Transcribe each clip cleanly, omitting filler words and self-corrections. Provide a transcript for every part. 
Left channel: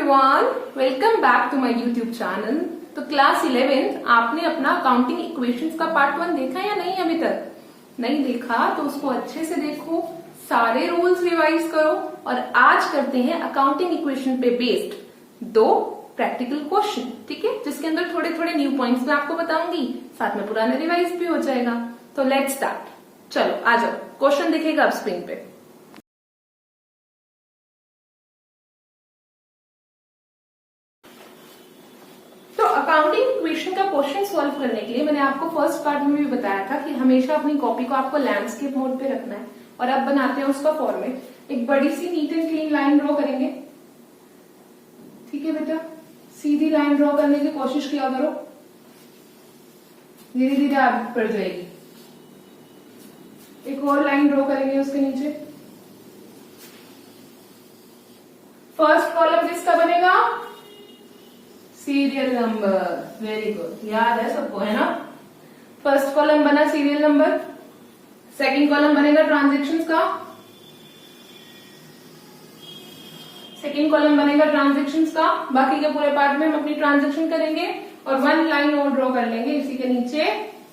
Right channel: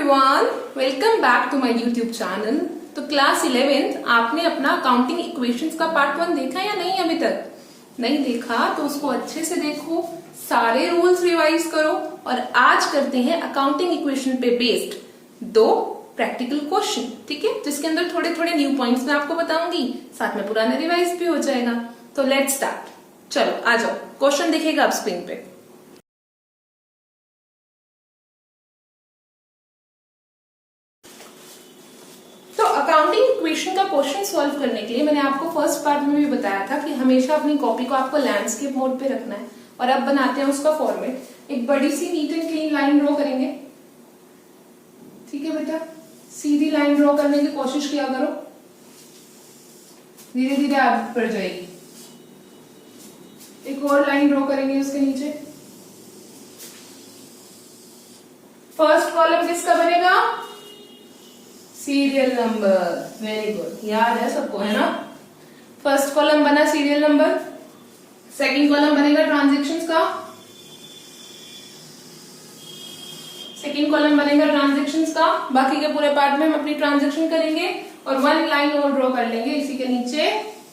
Everyone, welcome back to my YouTube channel. तो class 11th आपने अपना अकाउंटिंग इक्वेशंस का पार्ट 1 देखा या नहीं? अभी तक नहीं देखा तो उसको अच्छे से देखो, सारे रूल्स रिवाइज करो और आज करते हैं अकाउंटिंग इक्वेशन पे बेस्ड 2 प्रैक्टिकल क्वेश्चन, ठीक है, जिसके अंदर थोड़े थोड़े न्यू पॉइंट्स मैं आपको बताऊंगी, साथ में पुराना रिवाइज भी हो जाएगा। तो लेट्स स्टार्ट। चलो आ जाओ, क्वेश्चन दिखेगा अब स्क्रीन पे। तो अकाउंटिंग इक्वेशन का क्वेश्चन सॉल्व करने के लिए मैंने आपको फर्स्ट पार्ट में भी बताया था कि हमेशा अपनी कॉपी को आपको लैंडस्केप मोड पे रखना है। और अब बनाते हैं उसका फॉर्मेट। एक बड़ी सी neat and clean line draw करेंगे, ठीक है बेटा, सीधी लाइन ड्रॉ करने की कोशिश किया करो, धीरे धीरे आदत पड़ जाएगी। एक और लाइन ड्रॉ करेंगे उसके नीचे। फर्स्ट कॉलम किसका बनेगा? Serial number. वेरी गुड, याद है सबको, है ना? फर्स्ट कॉलम बना सीरियल नंबर, सेकंड कॉलम बनेगा ट्रांजैक्शंस का, सेकंड कॉलम बनेगा ट्रांजैक्शंस का। बाकी के पूरे पार्ट में हम अपनी ट्रांजैक्शन करेंगे और 1 लाइन और ड्रॉ कर लेंगे इसी के नीचे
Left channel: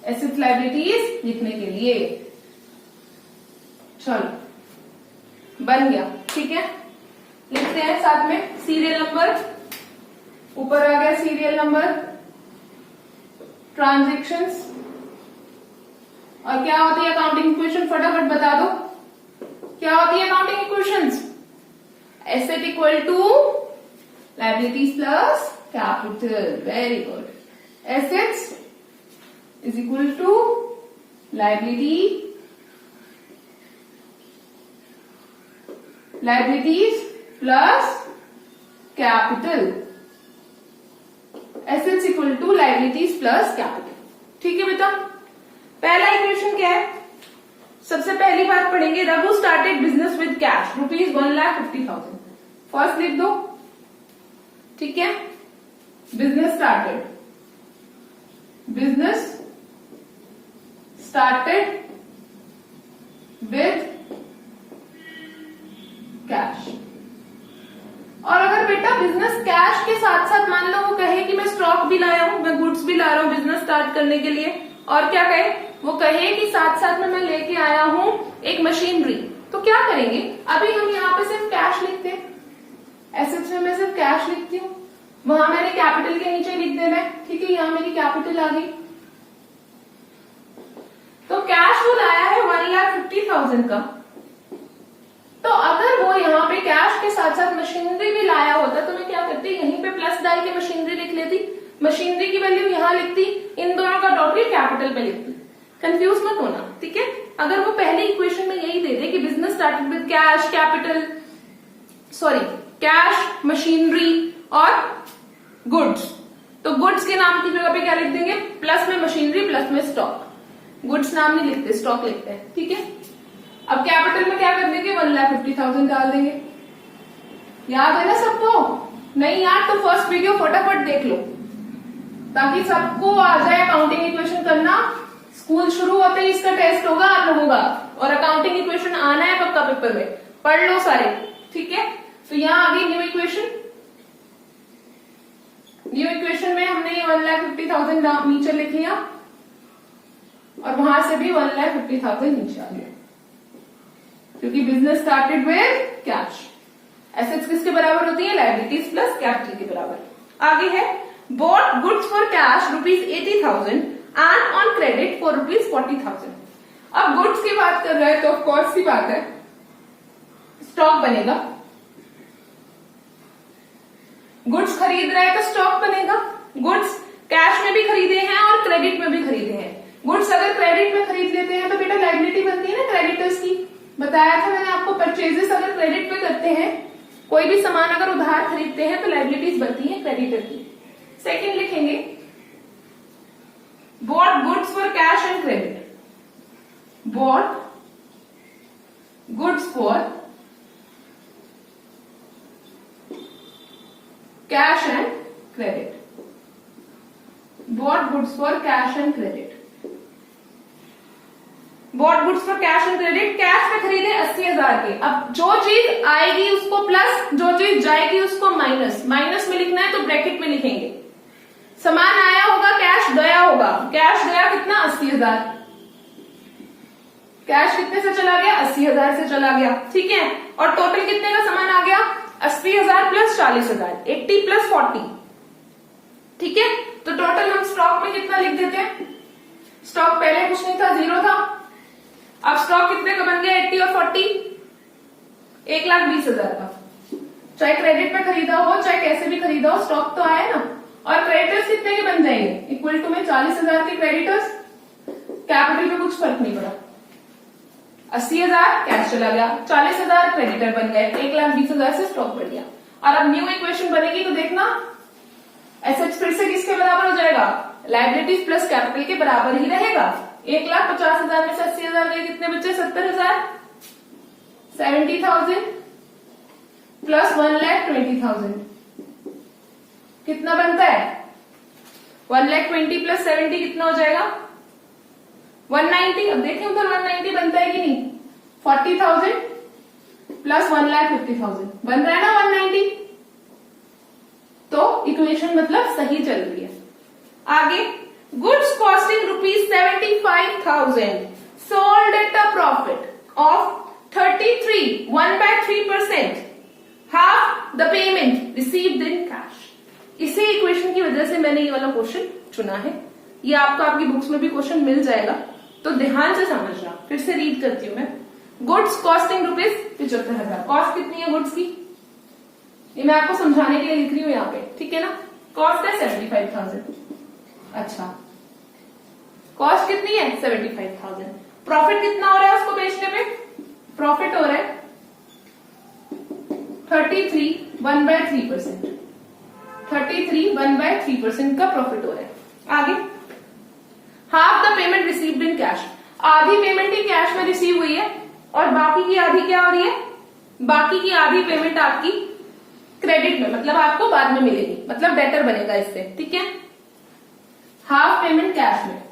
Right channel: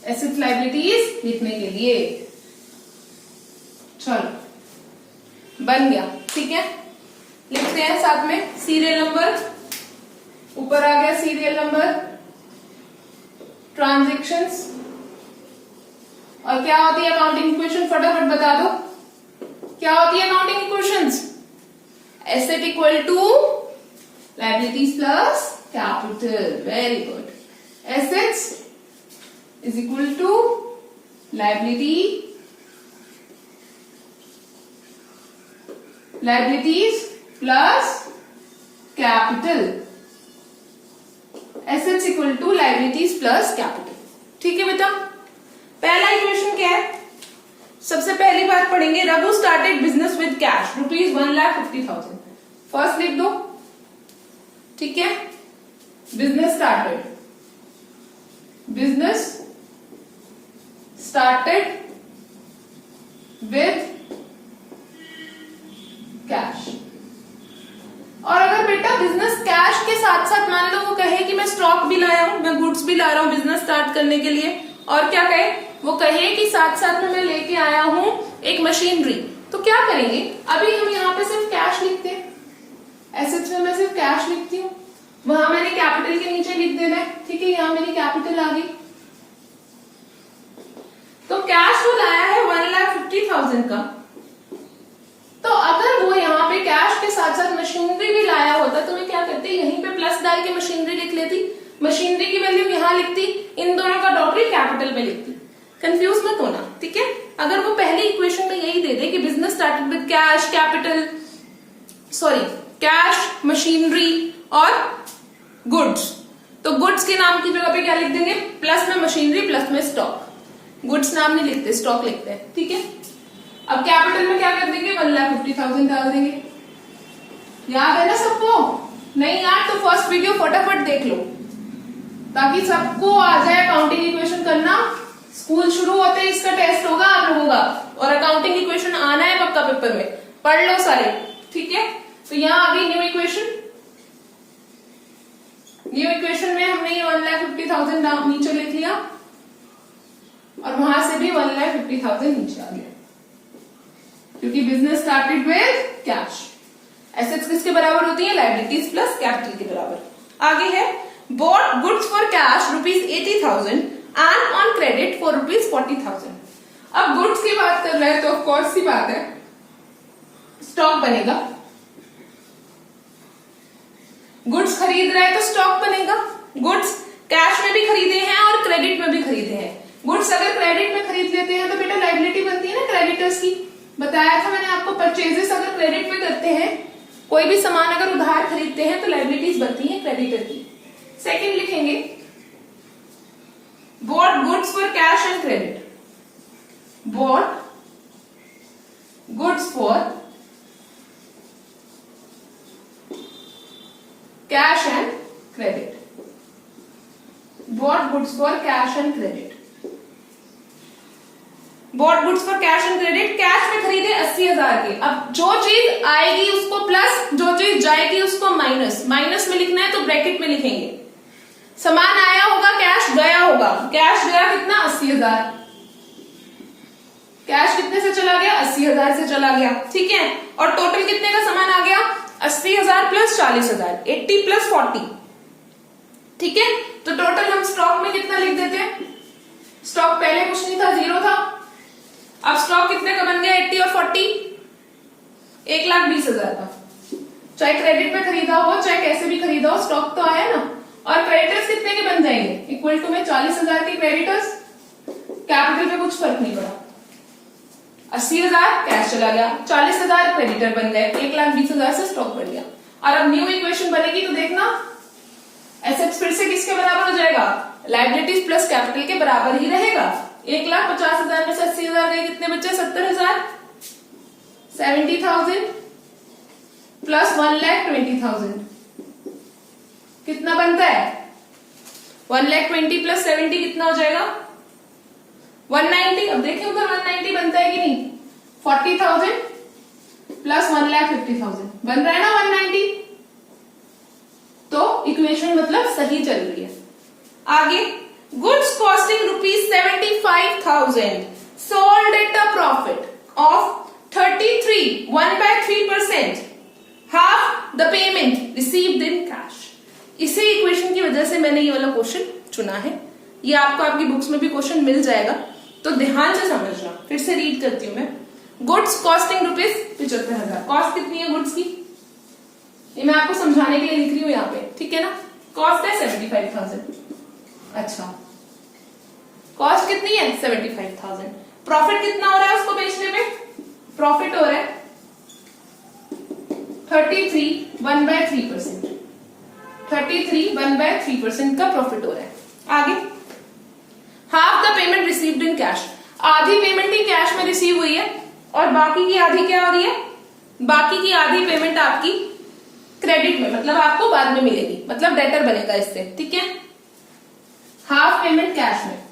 एसेट्स लायबिलिटीज लिखने के लिए। चलो बन गया, ठीक है। लिखते हैं साथ में सीरियल नंबर, ऊपर आ गया सीरियल नंबर, ट्रांजैक्शंस, और क्या होती है अकाउंटिंग इक्वेशन? फटाफट बता दो, क्या होती है accounting equations? Asset equal to liabilities plus capital. Very good. Assets is equal to liabilities plus capital. Assets equal to liabilities plus capital, ठीक है बेटा। पहला इक्वेशन क्या है? सबसे पहली बात पढ़ेंगे, Raghu started business with cash ₹1,50,000। First लिख दो, ठीक है। Business started with cash. और अगर बेटा बिजनेस कैश के साथ साथ मान लो वो कहे कि मैं स्टॉक भी लाया हूं, मैं गुड्स भी ला रहा हूं बिजनेस स्टार्ट करने के लिए, और क्या कहे, वो कहे कि साथ साथ में मैं लेके आया हूं एक मशीनरी, तो क्या करेंगे? अभी हम यहाँ पे सिर्फ कैश लिखते हैं, एसेट्स में मैं सिर्फ कैश लिखती हूँ, वहां मैंने कैपिटल के नीचे लिख देना है, ठीक है। यहाँ मेरी कैपिटल आ गई। तो कैश वो लाया है 1,50,000 का, तो अगर वो यहाँ पे कैश के साथ साथ मशीनरी भी लाया होता तो मैं क्या करती, यहीं पे प्लस डाल के मशीनरी लिख लेती, मशीनरी की वैल्यू यहाँ लिखती, इन दोनों का डॉट भी कैपिटल पे लिखती। कंफ्यूज मत होना, ठीक है। अगर वो पहली इक्वेशन में यही दे दे कि business started with cash, cash, machinery और गुड्स, तो गुड्स के नाम की जगह पे क्या लिख देंगे? प्लस में मशीनरी, प्लस में स्टॉक। गुड्स नाम नहीं लिखते, स्टॉक लिखते हैं, ठीक है। अब कैपिटल में क्या कर देंगे? 1,50,000 डाल देंगे। याद है ना सबको? नहीं याद तो फर्स्ट वीडियो फटाफट देख लो ताकि सबको आ जाए अकाउंटिंग इक्वेशन करना। स्कूल शुरू होते ही इसका टेस्ट होगा आप लोगों का, और अकाउंटिंग इक्वेशन आना है पक्का पेपर में, पढ़ लो सारे, ठीक है। तो यहाँ आ गई न्यू इक्वेशन। न्यू इक्वेशन में हमने ये 1,50,000 नीचे लिख लिया और वहां से भी 1,50,000 नीचे आ गया, क्योंकि business started with cash. Assets किसके बराबर होती है? लायबिलिटीज प्लस कैपिटल के बराबर। आगे है bought goods for cash ₹80,000 and on credit for ₹40,000। अब गुड्स की बात कर रहे हैं तो ऑफकोर्स सी बात है स्टॉक बनेगा। गुड्स खरीद रहे हैं तो स्टॉक बनेगा। गुड्स कैश में भी खरीदे हैं और क्रेडिट में भी खरीदे हैं। गुड्स अगर क्रेडिट में खरीद लेते हैं तो बेटा लायबिलिटी बनती है ना क्रेडिटर्स की। बताया था मैंने आपको, परचेजेस अगर क्रेडिट पे करते हैं, कोई भी सामान अगर उधार खरीदते हैं तो लायबिलिटीज बनती है क्रेडिटर की। सेकंड लिखेंगे bought goods for cash and credit. Bought goods for cash and credit. Bought goods for cash and credit. Bought goods for cash and credit, cash में खरीदे 80,000 के। अब जो चीज आएगी उसको प्लस, जो चीज जाएगी उसको माइनस। माइनस में लिखना है तो ब्रैकेट में लिखेंगे। सामान आया होगा, कैश गया होगा। कैश गया कितना, 80,000। कैश कितने से चला गया, 80,000 से चला गया, ठीक है। और टोटल कितने का सामान आ गया, 80,000 प्लस 40,000, 80 प्लस 40, ठीक है। तो टोटल हम स्टॉक में कितना लिख देते हैं, स्टॉक पहले कुछ नहीं था, 0 था। अब स्टॉक कितने का बन गया, 80 और 40, 1,20,000 का। चाहे क्रेडिट पे खरीदा हो चाहे कैसे भी खरीदा हो, स्टॉक तो आया ना। और क्रेडिटर्स कितने के बन जाएंगे, इक्वल टू में 40,000 के क्रेडिटर्स, कैपिटल पे कुछ फर्क नहीं पड़ा। 80,000 कैश चला गया, 40,000 क्रेडिटर बन गए, 1,20,000 से स्टॉक बढ़ गया। और अब न्यू इक्वेशन बनेगी तो देखना एसेट्स फिर से किसके बराबर हो जाएगा, लायबिलिटीज प्लस कैपिटल के बराबर ही रहेगा। 1,50,000 में से 80,000 गए, कितने बचे, 70,000, 70,000 प्लस 1,20,000 कितना बनता है, 1,20,000 प्लस 70 कितना हो जाएगा, 190। अब देखें उधर 190 बनता है कि नहीं, 40,000 प्लस 1,50,000 बन रहा है ना 190। तो इक्वेशन मतलब सही चल रही है। आगे, goods costing ₹75,000 sold at a profit of 33, 1/3%, half the payment received in cash. इसी इक्वेशन की वजह से मैंने ये वाला क्वेश्चन चुना है। ये आपको आपकी बुक्स में भी क्वेश्चन मिल जाएगा, तो ध्यान से समझना। फिर से रीड करती हूँ मैं। गुड्स कॉस्टिंग ₹75,000, कॉस्ट कितनी है गुड्स की, ये मैं आपको समझाने के लिए लिख रही हूँ यहाँ पे, ठीक है ना। कॉस्ट है 75,000, अच्छा कॉस्ट कितनी है 75,000। प्रॉफिट कितना हो रहा है उसको बेचने में, प्रॉफिट हो रहा है 33, 1/3%, 33, 1/3% का प्रॉफिट हो रहा है। आगे, half the payment received in cash, आधी पेमेंट ही कैश में रिसीव हुई है और बाकी की आधी क्या हो रही है, बाकी की आधी पेमेंट आपकी क्रेडिट में, मतलब आपको बाद में मिलेगी, मतलब डेटर बनेगा इससे, ठीक है। हाफ पेमेंट कैश में,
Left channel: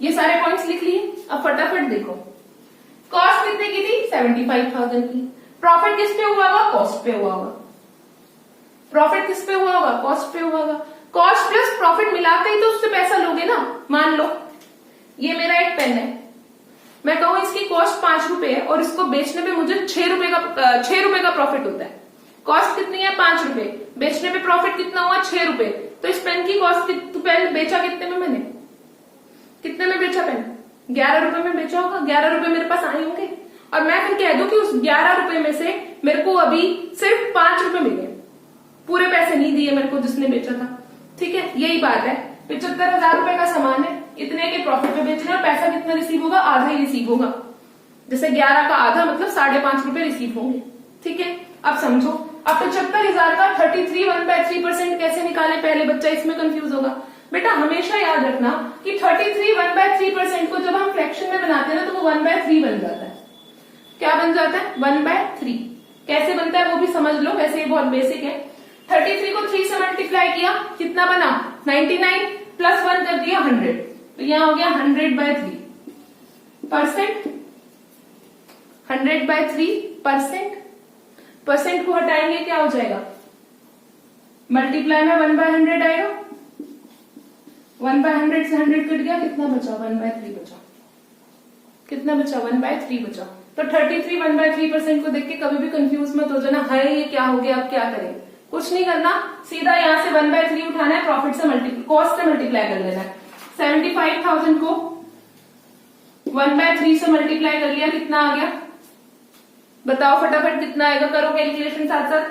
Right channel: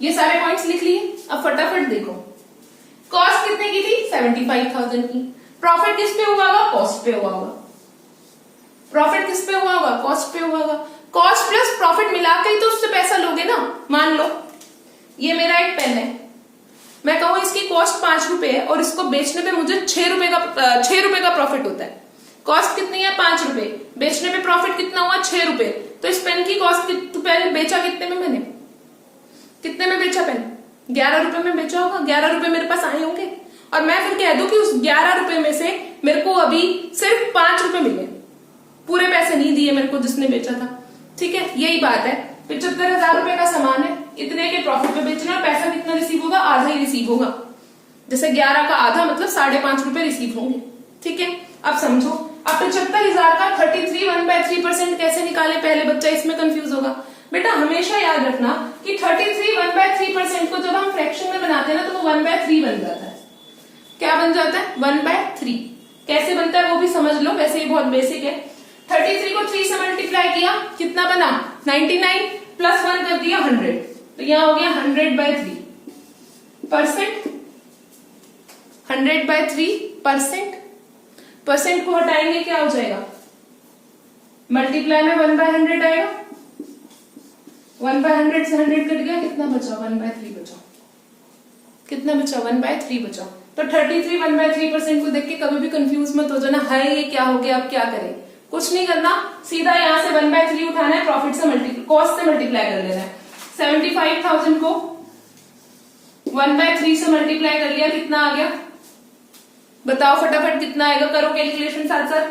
ये सारे पॉइंट्स लिख लिए। अब फटाफट देखो, कॉस्ट कितने की थी 75,000 की, प्रॉफिट किस पे हुआ होगा, कॉस्ट पे हुआ होगा। प्रॉफिट किस पे हुआ होगा, कॉस्ट पे हुआ होगा। कॉस्ट प्लस प्रॉफिट मिलाकर ही तो उससे पैसा लोगे ना। मान लो ये मेरा एक पेन है, मैं कहूं इसकी कॉस्ट 5 रुपए है और इसको बेचने पे मुझे 6 रुपए का प्रॉफिट होता है। कॉस्ट कितनी है 5 रुपए, बेचने पे प्रॉफिट कितना हुआ 6 रुपए। तो इस पेन की कॉस्ट पेन बेचा कितने में, मैंने कितने में बेचा पेन, 11 रुपए में बेचा होगा। 11 रुपए मेरे पास आए होंगे और मैं फिर कह दूं कि उस 11 रुपए में से मेरे को अभी सिर्फ 5 रुपए मिले, पूरे पैसे नहीं दिए मेरे को जिसने बेचा था, ठीक है। यही बात है, 75,000 रुपए का सामान है, इतने के प्रॉफिट पे बेचना है, पैसा कितना रिसीव होगा, आधा ही रिसीव होगा। जैसे 11 का आधा मतलब 5.5 रुपए रिसीव होंगे, ठीक है। अब समझो, अब 75,000 का 33, 1/3% कैसे निकाले, पहले बच्चा इसमें कंफ्यूज होगा। बेटा हमेशा याद रखना कि 33, 1/3% को जब हम फ्रैक्शन में बनाते हैं ना तो वो 1/3 बन जाता है। क्या बन जाता है, 1/3। कैसे बनता है वो भी समझ लो, वैसे ये बहुत बेसिक है। 33 को 3 से मल्टीप्लाई किया, कितना बना 99, प्लस 1 कर दिया 100, तो यहां हो गया 100/3%। 100/3%, परसेंट को हटाएंगे क्या हो जाएगा, मल्टीप्लाई में 1/100 आएगा। 1/100 से 100 कट गया, कितना बचा 1/3 बचा, कितना बचा 1/3 बचा। तो 33, 1/3% को देख के कभी भी कंफ्यूज मत हो जाना, है ये क्या हो गया, अब क्या करें। कुछ नहीं करना, सीधा यहां से 1/3 उठाना है, प्रॉफिट से कॉस्ट से मल्टीप्लाई कर लेना है। 75,000 को 1/3 से मल्टीप्लाई कर लिया, कितना आ गया बताओ फटाफट, कितना आएगा, करो कैलकुलेशन साथ साथ।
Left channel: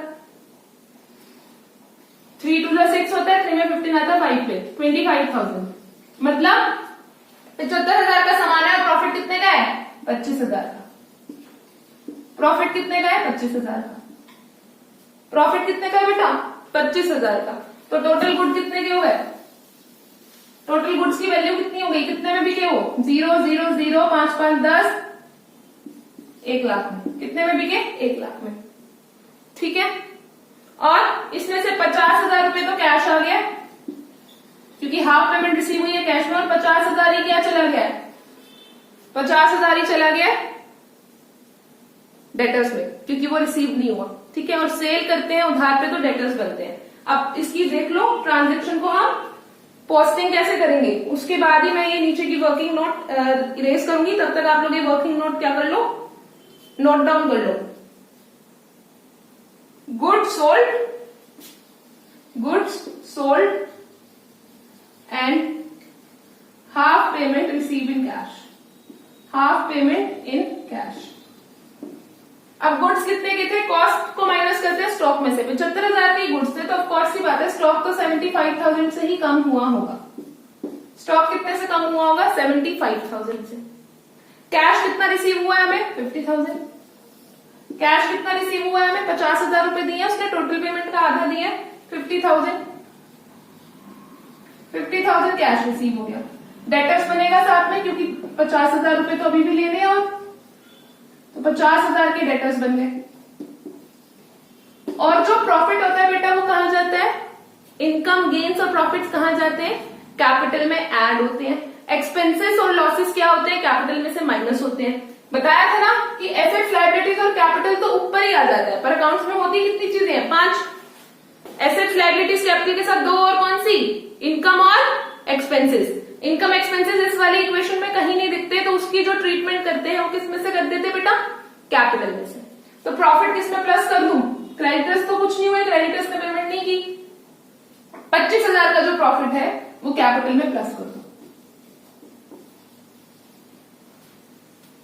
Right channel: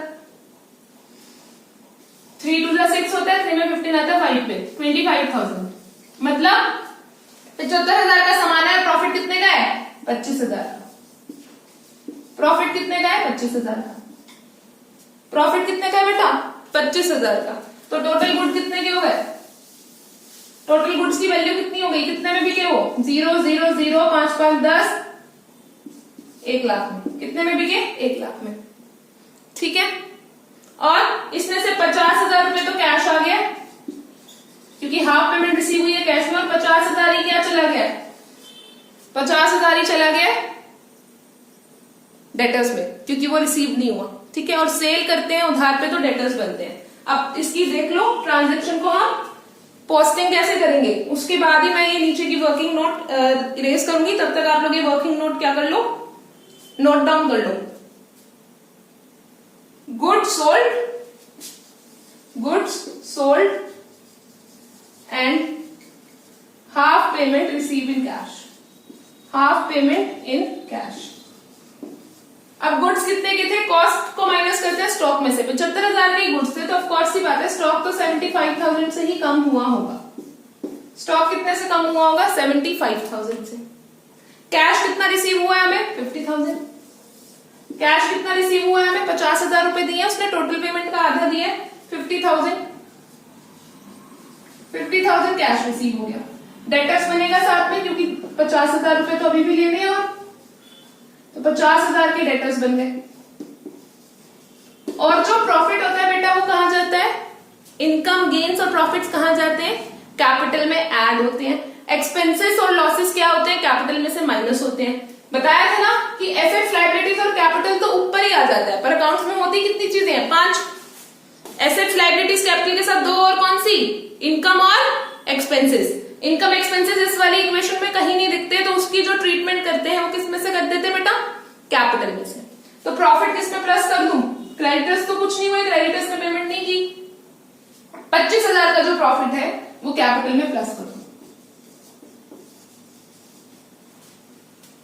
3 2 6 होता है, 3 में 15 आता है, 5 पे 25,000, मतलब 75,000 का सामान है, प्रॉफिट कितने का है 25,000 का। प्रॉफिट कितने का है 25,000 का। प्रॉफिट कितने का है बेटा 25,000 का। तो टोटल गुड कितने के हो गए, टोटल गुड्स की वैल्यू कितनी हो गई, कितने में बिके हो 0 0 0 5 5 10, 1 लाख में। कितने में बिके 1 लाख में, ठीक है। और इसमें से 50,000 रुपए तो कैश आ गया क्योंकि हाफ पेमेंट रिसीव हुई है कैश में और 50,000 ही क्या चला गया, 50,000 ही चला गया डेटर्स में, क्योंकि वो रिसीव नहीं हुआ। ठीक है, और सेल करते हैं उधार पे तो डेटर्स बनते हैं। अब इसकी देख लो ट्रांजेक्शन को हम पोस्टिंग कैसे करेंगे, उसके बाद ही मैं ये नीचे की वर्किंग नोट इरेज करूंगी। तब तक आप लोग ये वर्किंग नोट क्या कर लो, नोट डाउन कर लो। Goods sold and half payment receive in cash, half payment in cash. अब गुड्स कितने के थे, कॉस्ट को माइनस करते हैं स्टॉक में से। 75,000 के गुड्स थे तो ऑफ कोर्स सी बात है स्टॉक तो 75,000 से ही कम हुआ होगा। स्टॉक कितने से कम हुआ होगा, 75,000 से। कैश कितना रिसीव हुआ है हमें, 50,000। कैश कितना रिसीव हुआ है हमें, 50,000 रुपए दिए, उसने टोटल पेमेंट का आधा दिया, 50,000। 50,000 कैश रिसीव हो गया। डेटर्स बनेगा साथ में क्योंकि 50,000 रुपए तो अभी भी लेने हैं, और तो 50,000 के डेटर्स बन गए। और जो प्रॉफिट होता है बेटा वो कहां जाता है, इनकम गेन्स और प्रॉफिट्स कहां जाते हैं, कैपिटल में ऐड होते हैं। एक्सपेंसेस और लॉसेस क्या होते हैं, कैपिटल में से माइनस होते हैं। बताया था ना कि एसेट्स लायबिलिटीज और कैपिटल तो ऊपर ही आ जाता है, पर अकाउंट्स में होती कितनी चीजें हैं, 5। एसेट्स लायबिलिटीज कैपिटल के साथ 2 और कौन सी, इनकम और एक्सपेंसेस। इनकम एक्सपेंसेस इस वाली इक्वेशन में कहीं नहीं दिखते, तो उसकी जो ट्रीटमेंट करते हैं वो किस में से कर देते बेटा, कैपिटल में से। तो प्रॉफिट किस में प्लस कर दूं, क्रेडिटर्स तो कुछ नहीं हुए, क्रेडिटर्स ने पेमेंट नहीं की। 25,000 का जो प्रॉफिट है वो कैपिटल में प्लस कर दूं।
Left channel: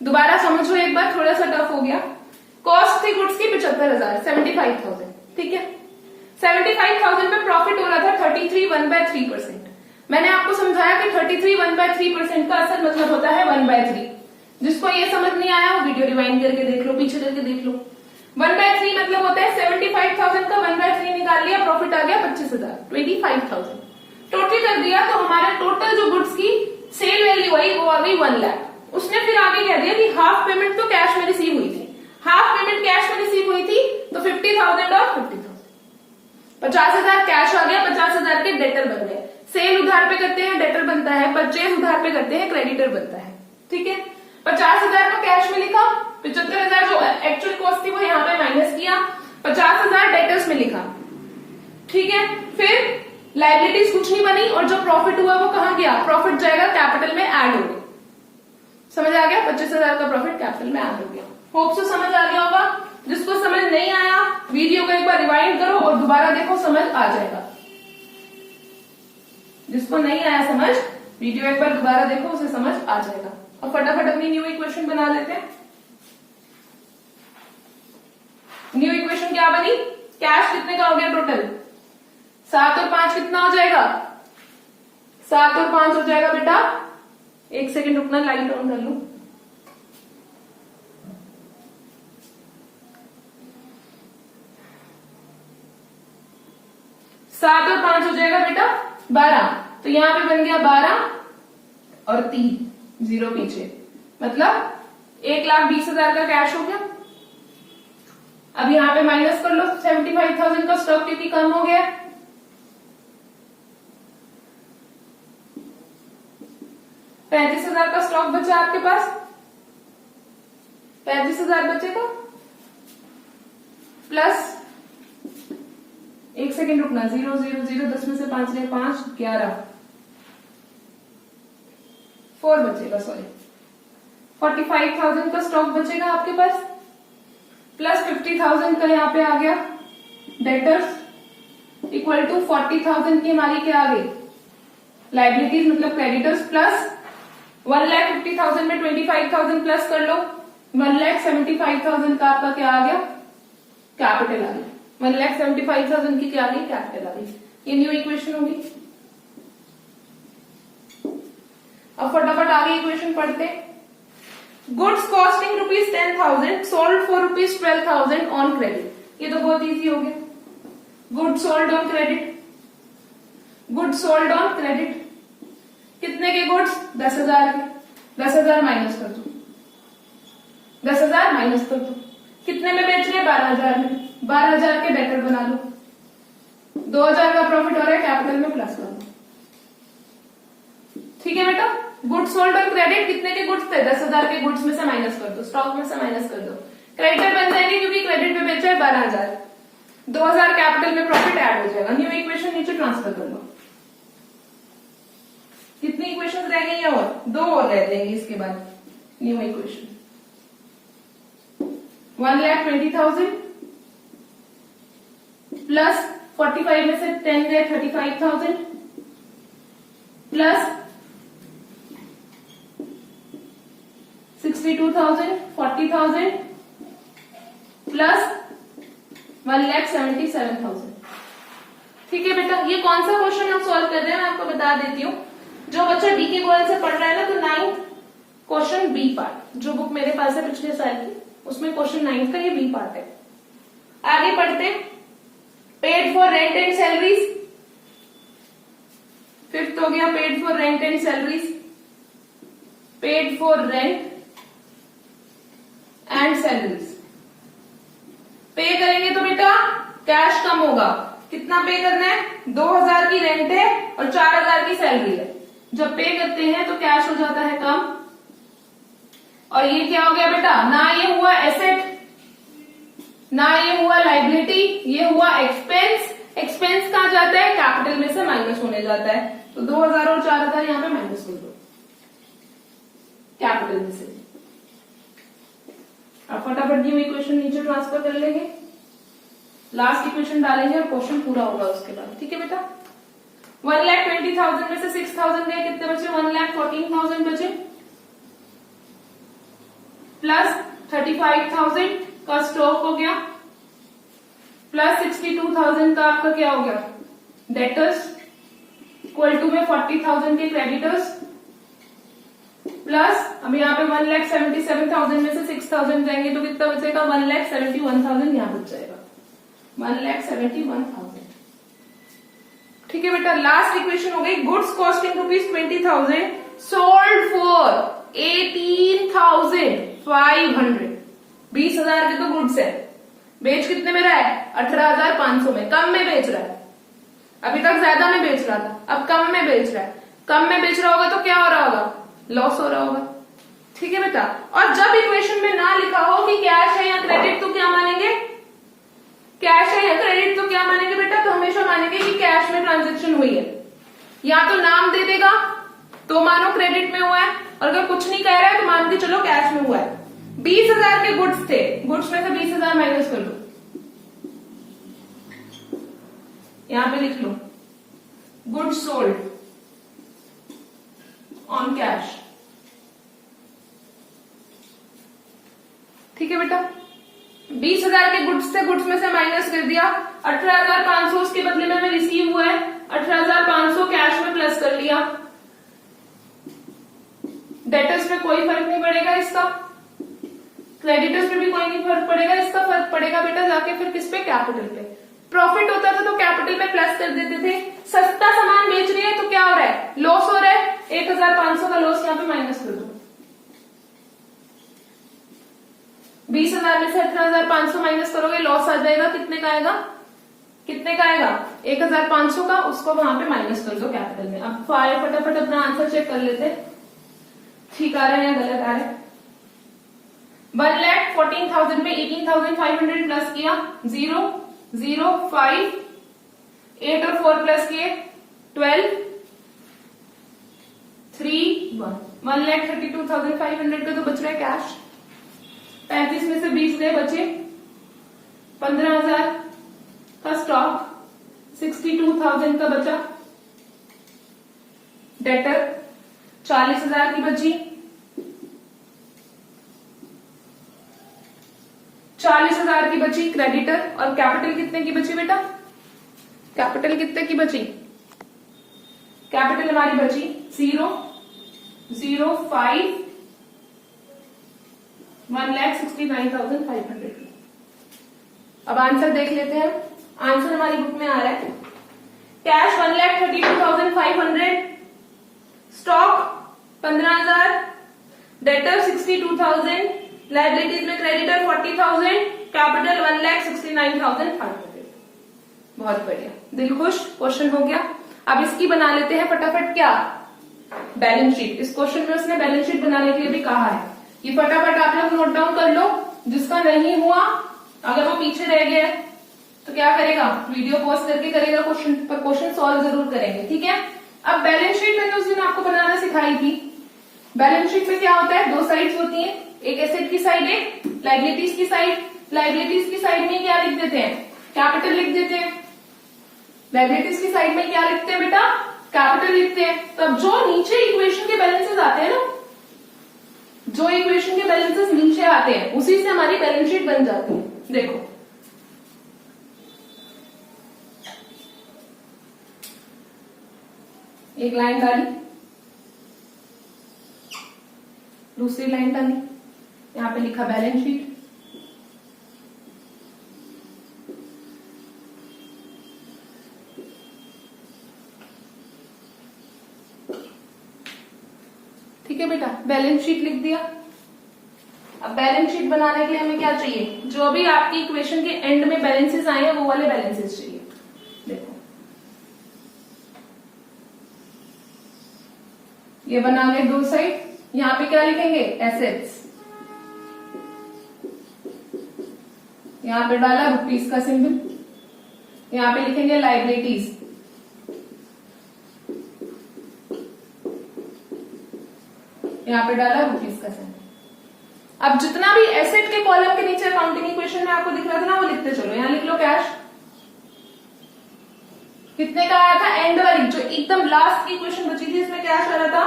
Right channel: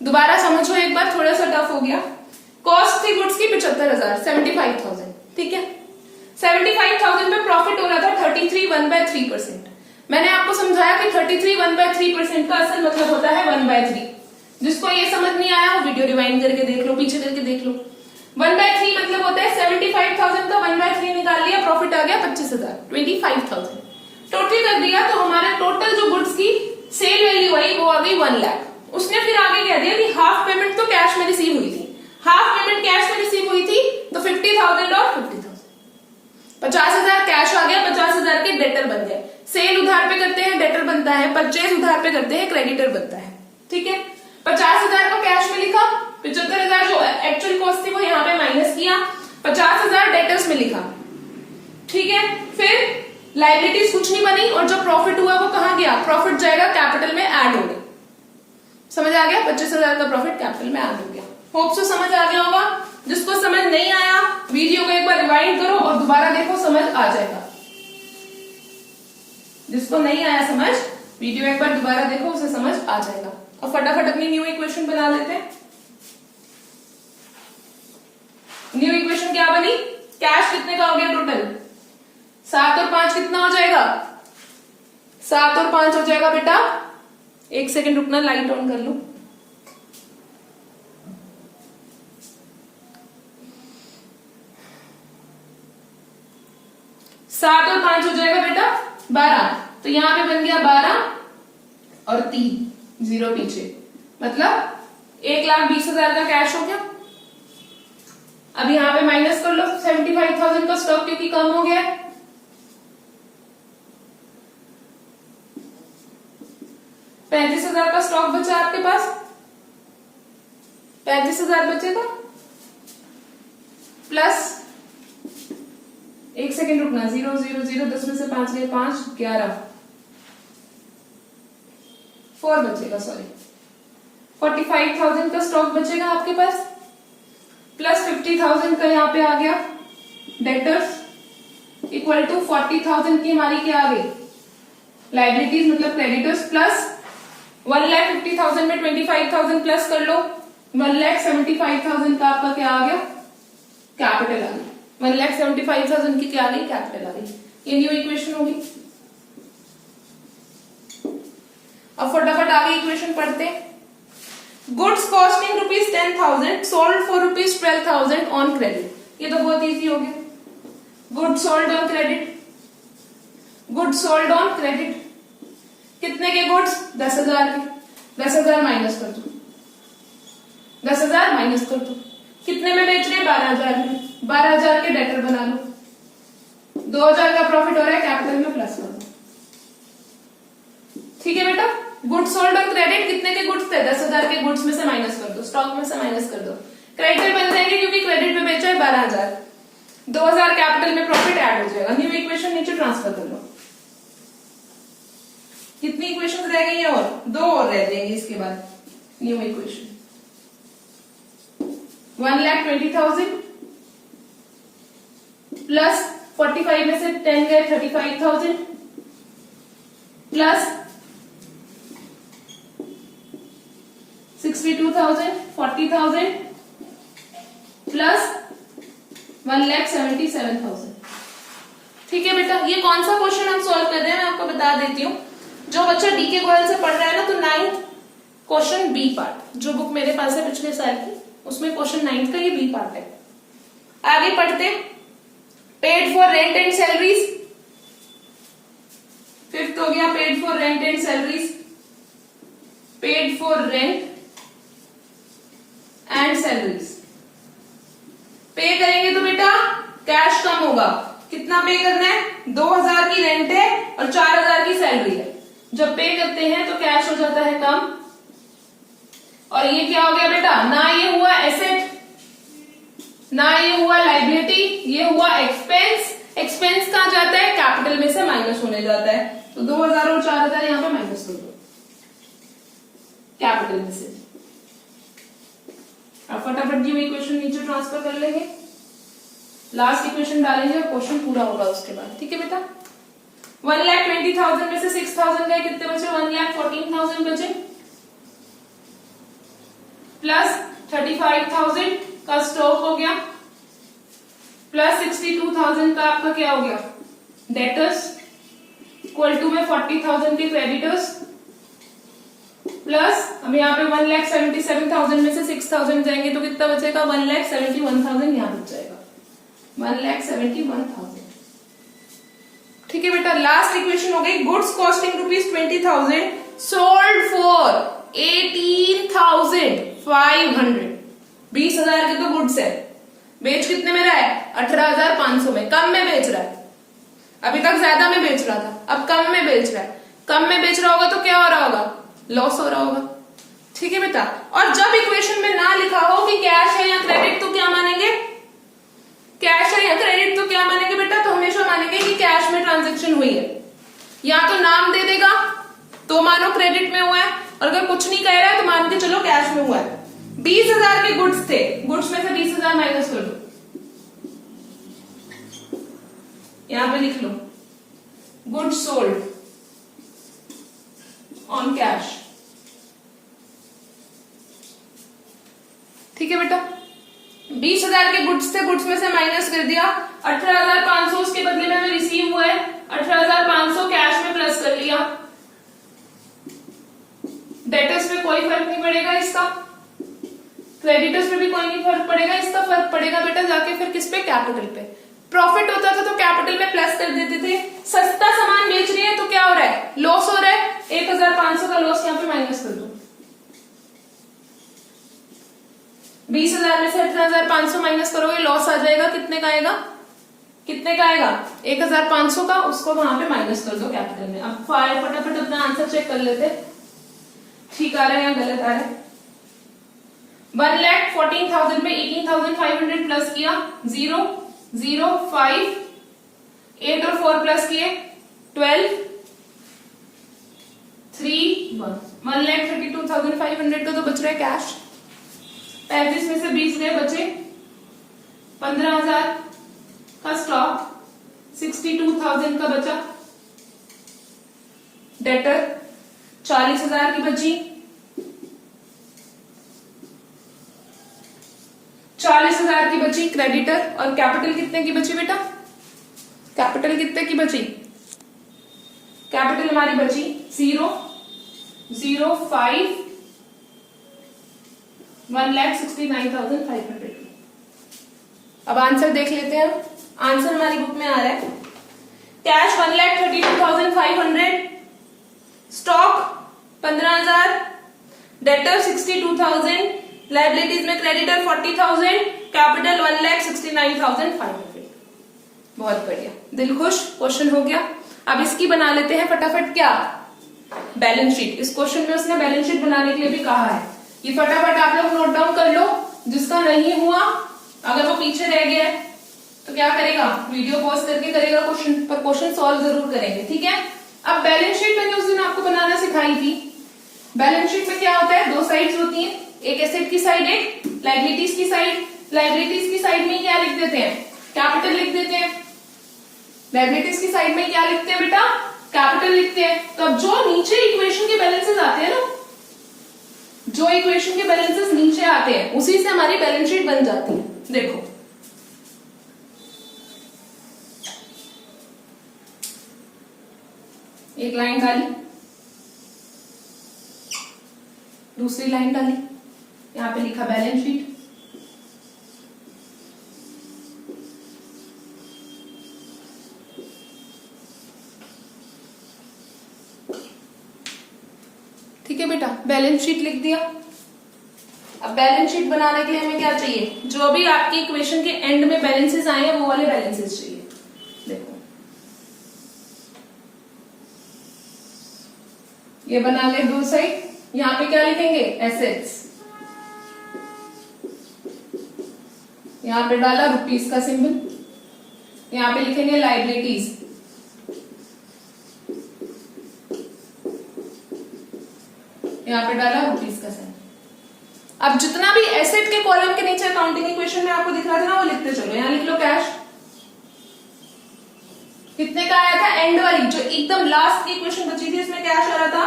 दोबारा समझो एक बार, थोड़ा सा टफ हो गया। कॉस्ट थी गुड्स की 75,000, 75,000। ठीक है, 75,000 में प्रॉफिट हो रहा था 33 1/3%। मैंने आपको समझाया कि 33 1/3% का असल मतलब होता है 1/3। जिसको ये समझ नहीं आया वो वीडियो रिवाइंड करके देख लो, पीछे करके देख लो। 1/3 मतलब होता है 75,000 का 1/3 निकाल लिया, प्रॉफिट आ गया 25,000, 25,000 टोटल कर दिया। तो हमारे टोटल जो गुड्स की सेल वैल्यू आई वो आ गई 1 लाख। उसने फिर आगे कह दिया कि हाफ पेमेंट तो कैश में रिसीव हुई थी, हाफ पेमेंट कैश में रिसीव हुई थी, तो 50,000 और 50,000, 50,000 कैश आ गया, 50,000 के डेटर बन गए। सेल उधार पे करते हैं डेटर बनता है, परचेज उधार पे करते हैं क्रेडिटर बनता है। ठीक है, 50,000 को कैश में लिखा, 75,000 जो एक्चुअल कॉस्ट थी वो यहाँ पे माइनस किया, 50,000 डेटर्स में लिखा। ठीक है, फिर लायबिलिटीज कुछ नहीं बनी और जो प्रॉफिट हुआ वो कहां गया, प्रॉफिट जाएगा कैपिटल में ऐड हो गया। समझ आ गया, 25,000 का प्रॉफिट कैपिटल में ऐड हो गया। होप सो समझ आ गया होगा। जिसको समझ नहीं आया वीडियो को एक बार रिवाइंड करो और दोबारा देखो, समझ आ जाएगा। जिसको नहीं आया समझ, वीडियो एक बार दोबारा देखो, उसे समझ आ जाएगा। अब फटाफट अपनी न्यू इक्वेशन बना लेते हैं। न्यू इक्वेशन क्या बनी, कैश कितने का हो गया टोटल, 7 और 5 कितना हो जाएगा, 7 और 5 हो जाएगा बेटा, एक सेकंड रुकना, लाइट ऑन कर लूं। सात और 5 हो जाएगा बेटा 12। तो यहां पे बन गया 12 और 3, 0 पीछे, मतलब 1,20,000 का कैश हो गया। अब यहां पे माइनस कर लो 75,000 का स्टॉक क्योंकि कम हो गया, 35,000 का स्टॉक बचा आपके पास, 35,000 बचेगा, प्लस एक सेकेंड रुकना, 0 0 0, 10 में से 5 गए 5, 11, 4 बचेगा, सॉरी 45,000 का स्टॉक बचेगा आपके पास, प्लस 50,000 का यहाँ पे आ गया डेटर्स, इक्वल टू 40,000 की हमारी क्या आ गई लाइबिलिटीज मतलब क्रेडिटर्स, प्लस 1,50,000 में 25,000 प्लस कर लो, 1,75,000 का आपका क्या आ गया कैपिटल आ गई, 1,75,000 की क्या आ गई कैपिटल आ गई। ये न्यू इक्वेशन होगी। अब फटाफट आगे इक्वेशन पढ़ते हैं। Goods costing ₹10,000 sold for ₹12,000 on credit. ये तो बहुत इजी हो गया। Goods sold on credit, goods sold on credit कितने के गुड्स 10,000 के, 10,000 माइनस कर दो, 10,000 माइनस कर दो, कितने में बेच रहे 12,000 में, 12,000 के डेटर बना लो, 2,000 का प्रॉफिट हो रहा है कैपिटल में प्लस कर दो। ठीक है बेटा। गुड्स सोल्ड और क्रेडिट कितने के गुड्स थे, 10,000 के गुड्स में से माइनस कर दो, स्टॉक में से माइनस कर दो, क्रेडिटर बन जाएंगे क्योंकि क्रेडिट में बेचा है 12,000, 2,000 कैपिटल में प्रॉफिट ऐड हो जाएगा। न्यू इक्वेशन नीचे ट्रांसफर कर लो। कितनी इक्वेशन रह गई है, और 2 और रह जाएंगी इसके बाद। न्यू इक्वेशन 1,20,000 प्लस 45 में से 10 गए 35,000 प्लस 62,000 40,000 प्लस 1,77,000। ठीक है बेटा, ये कौन सा क्वेश्चन हम सॉल्व कर रहे हैं मैं आपको बता देती हूँ। जो बच्चा डी के गोयल से पढ़ रहा है ना, तो 9th क्वेश्चन बी पार्ट, जो बुक मेरे पास है पिछले साल की, उसमें क्वेश्चन 9th का ये बी पार्ट है। आगे पढ़ते हैं। Paid for rent and salaries, 5th हो गया paid for rent and salaries, paid for rent and salaries. पे करेंगे तो बेटा कैश कम होगा। कितना पे करना है, 2,000 की रेंट है और 4,000 की सैलरी है। जब पे करते हैं तो कैश हो जाता है कम, और ये क्या हो गया बेटा, ना ये हुआ एसेट ना ये हुआ लाइबिलिटी, ये हुआ एक्सपेंस। एक्सपेंस कहां जाता है, कैपिटल में से माइनस होने जाता है। तो 2,000 और 4,000 यहां पे माइनस कर दो कैपिटल में से। अब फटाफट न्यू इक्वेशन नीचे ट्रांसफर कर लेंगे, लास्ट इक्वेशन डालेंगे और क्वेश्चन पूरा होगा उसके बाद। ठीक है बेटा। 1,20,000 में से 6,000 गए, कितने बचे, 1,14,000 बचे, प्लस 35,000 का स्टॉक हो गया, प्लस 62,000 का आपका क्या हो गया डेटर्स, इक्वल टू में 40,000 के क्रेडिटर्स, प्लस हम यहाँ पे 1,77,000 में से 6,000 जाएंगे तो कितना बचेगा, 1,71,000 यहाँ बच जाएगा, 1,71,000। ठीक है बेटा। लास्ट इक्वेशन हो गई, गुड्स कॉस्टिंग ₹20,000 सोल्ड फॉर 18,500। 20,000 के तो गुड्स है, बेच कितने में रहा है, 18,500 में, कम में बेच रहा है। अभी तक ज्यादा में बेच रहा था, अब कम में बेच रहा है। कम में बेच रहा होगा तो क्या हो रहा होगा, लॉस हो रहा होगा। ठीक है बेटा। और जब इक्वेशन में ना लिखा हो कि कैश है या क्रेडिट, तो क्या मानेंगे, कैश है या क्रेडिट तो क्या मानेंगे बेटा, तो हमेशा मानेंगे कि कैश में ट्रांजेक्शन हुई है। या तो नाम दे देगा तो मानो क्रेडिट में हुआ है, और अगर कुछ नहीं कह रहा है तो मान के चलो कैश में हुआ है। 20,000 के गुड्स थे, गुड्स में से 20,000 माइनस कर लो, यहां पे लिख लो गुड्स सोल्ड ऑन कैश। ठीक है बेटा। 20,000 के गुड्स थे, गुड्स में से माइनस कर दिया, 18,500 उसके बदले में हमें रिसीव हुआ है, 18,500 कैश में प्लस कर लिया। डेटर्स में कोई फर्क नहीं पड़ेगा इसका, क्रेडिटर्स में भी कोई नहीं फर्क पड़ेगा इसका। फर्क पड़ेगा बेटा जाके फिर किस पे, कैपिटल पे। प्रॉफिट होता था तो कैपिटल पे प्लस कर देते थे। सस्ता सामान बेच रही है तो क्या हो रहा है, लॉस हो रहा है, 1,500 का लॉस यहाँ पे माइनस कर दो। 20,000 में से 18,500 माइनस करोगे, लॉस आ जाएगा, कितने का आएगा, कितने का आएगा, 1,500 का, उसको वहां पे माइनस कर दो कैपिटल में। अब फटाफट अपना आंसर चेक कर लेते, ठीक आ रहा है या गलत आ रहा है। 1,14,000 में 18,500 प्लस किया, 0 0 5 8 और 4 प्लस किए 12 3 1 1,32,500 का तो बच रहा है कैश। 35 में से 20 गए, बचे 15,000 का स्टॉक, 62,000 का बचा डेटर, 40,000 की बची, 40,000 की बची क्रेडिटर, और कैपिटल कितने की बची बेटा, कैपिटल कितने की बची, कैपिटल हमारी बची 0 0 5 1,69,500। अब आंसर देख लेते हैं। आंसर हमारी बुक में आ रहा है, कैश 1,32,500, स्टॉक 15,000, डेटर 62,000, लाइबिलिटीज में क्रेडिटर 40,000, कैपिटल 1,69,500। बहुत बढ़िया, दिल खुश, क्वेश्चन हो गया। अब इसकी बना लेते हैं फटाफट क्या, बैलेंस शीट। इस क्वेश्चन में उसने बैलेंस शीट बनाने के लिए भी कहा है। ये फटाफट आप लोग नोट डाउन कर लो। जिसका नहीं हुआ, अगर वो पीछे रह गया तो क्या करेगा, वीडियो पॉज करके करेगा क्वेश्चन, पर क्वेश्चन सॉल्व जरूर करेंगे, ठीक है। अब बैलेंस शीट मैंने उस दिन आपको बनाना सिखाई थी। बैलेंस शीट में क्या होता है, दो साइड्स होती हैं, एक एसेट की साइड, एक लायबिलिटीज की साइड। लायबिलिटीज की साइड में क्या लिख देते हैं, कैपिटल लिख देते हैं। लायबिलिटीज की साइड में क्या लिखते हैं बेटा, कैपिटल लिखते हैं। तब जो नीचे इक्वेशन के बैलेंसेस आते हैं ना, जो इक्वेशन के बैलेंसेस नीचे आते हैं उसी से हमारी बैलेंस शीट बन जाती है। देखो एक लाइन डाली, दूसरी लाइन डाली, यहां पे लिखा बैलेंस शीट। ठीक है बेटा, बैलेंस शीट लिख दिया। अब बैलेंस शीट बनाने के लिए हमें क्या चाहिए, जो भी आपकी इक्वेशन के एंड में बैलेंसेस आए हैं वो वाले बैलेंसेस चाहिए। देखो ये बना ले दो साइड, यहां पे क्या लिखेंगे, एसेट्स, यहां पे डाला रुपीस का सिंबल, यहां पे लिखेंगे लायबिलिटीज, यहां पे डाला रुपीस का सिंबल। अब जितना भी एसेट के कॉलम के नीचे अकाउंटिंग इक्वेशन में आपको दिख रहा था ना, वो लिखते चलो। यहां लिख लो कैश, कितने का आया था, एंड वाली जो एकदम लास्ट की इक्वेशन बची थी इसमें कैश आ रहा था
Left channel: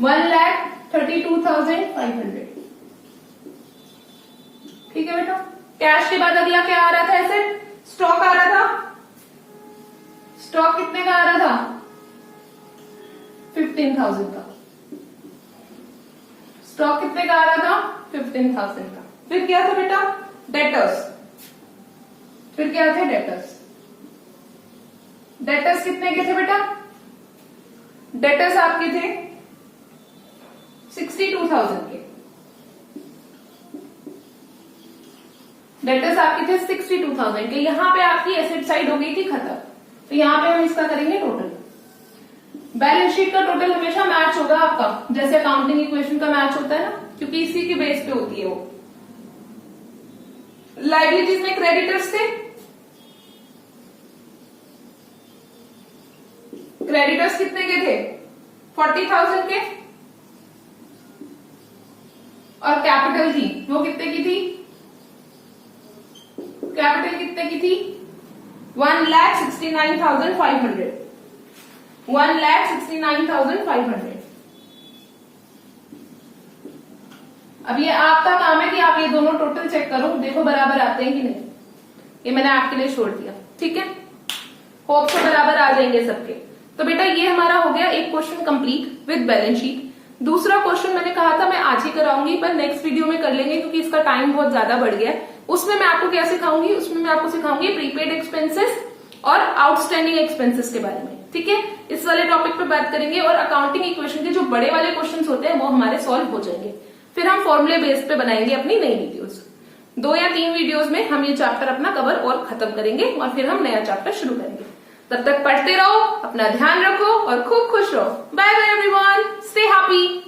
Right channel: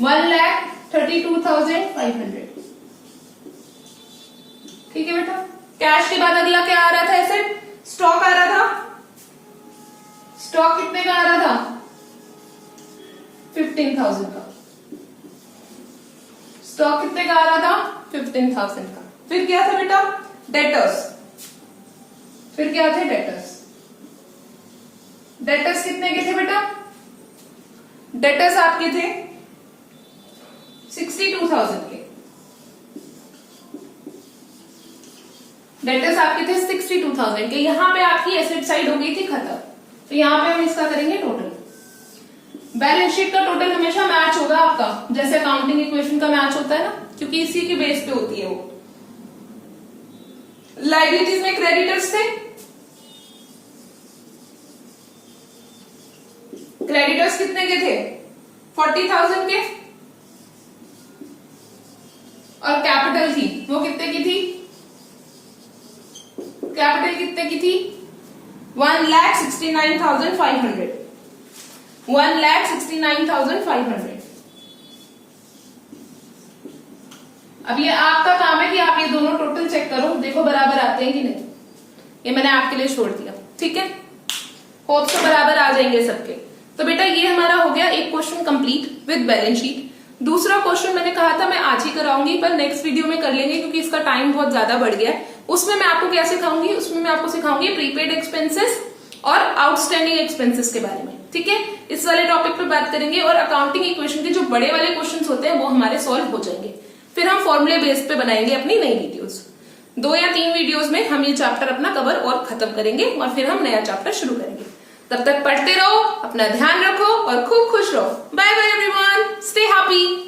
1,32,500। ठीक है बेटा, कैश के बाद अगला क्या आ रहा था, एसेट, स्टॉक आ रहा था। स्टॉक कितने का आ रहा था, 15,000 का। स्टॉक कितने का आ रहा था, 15,000 का। फिर क्या था बेटा, डेटर्स। फिर क्या थे, डेटर्स। डेटर्स कितने के थे बेटा, डेटर्स आपके थे 62,000 के। डेटर्स आपके थे 62,000 के। यहां पे आपकी एसेट साइड हो गई थी खत्म, तो यहां पे हम इसका करेंगे टोटल। बैलेंस शीट का टोटल हमेशा मैच होगा आपका, जैसे अकाउंटिंग इक्वेशन का मैच होता है ना, क्योंकि इसी की बेस पे होती है वो। लायबिलिटीज में क्रेडिटर्स थे, क्रेडिटर्स कितने के थे, 40,000 के। और कैपिटल थी, वो कितने की थी, कैपिटल कितने की थी, 1,69,500। 1,69,500। अब ये आपका काम है कि आप ये दोनों टोटल चेक करो, देखो बराबर आते हैं कि नहीं। ये मैंने आपके लिए छोड़ दिया, ठीक है। होप से बराबर आ जाएंगे सबके। तो बेटा ये हमारा हो गया एक question complete with balance sheet. दूसरा क्वेश्चन मैंने कहा था मैं आज ही कराऊंगी, पर नेक्स्ट वीडियो में कर लेंगे क्योंकि इसका टाइम बहुत ज्यादा बढ़ गया है। उसमें मैं आपको क्या सिखाऊंगी, उसमें मैं आपको सिखाऊंगी प्रीपेड एक्सपेंसेस और आउटस्टैंडिंग एक्सपेंसेस के बारे में, ठीक है। इस वाले टॉपिक पे बात करेंगे और अकाउंटिंग इक्वेशन के जो बड़े वाले क्वेश्चंस होते हैं वो हमारे सॉल्व हो जाएंगे। फिर हम फॉर्मूले बेस पे बनाएंगे अपनी नई वीडियोस। 2 या 3 वीडियोस में हम ये चैप्टर अपना कवर और खत्म करेंगे और फिर हम नया चैप्टर शुरू करेंगे। तब तक पढ़ते रहो, अपना ध्यान रखो और खूब खुश रहो। Bye bye everyone, stay happy.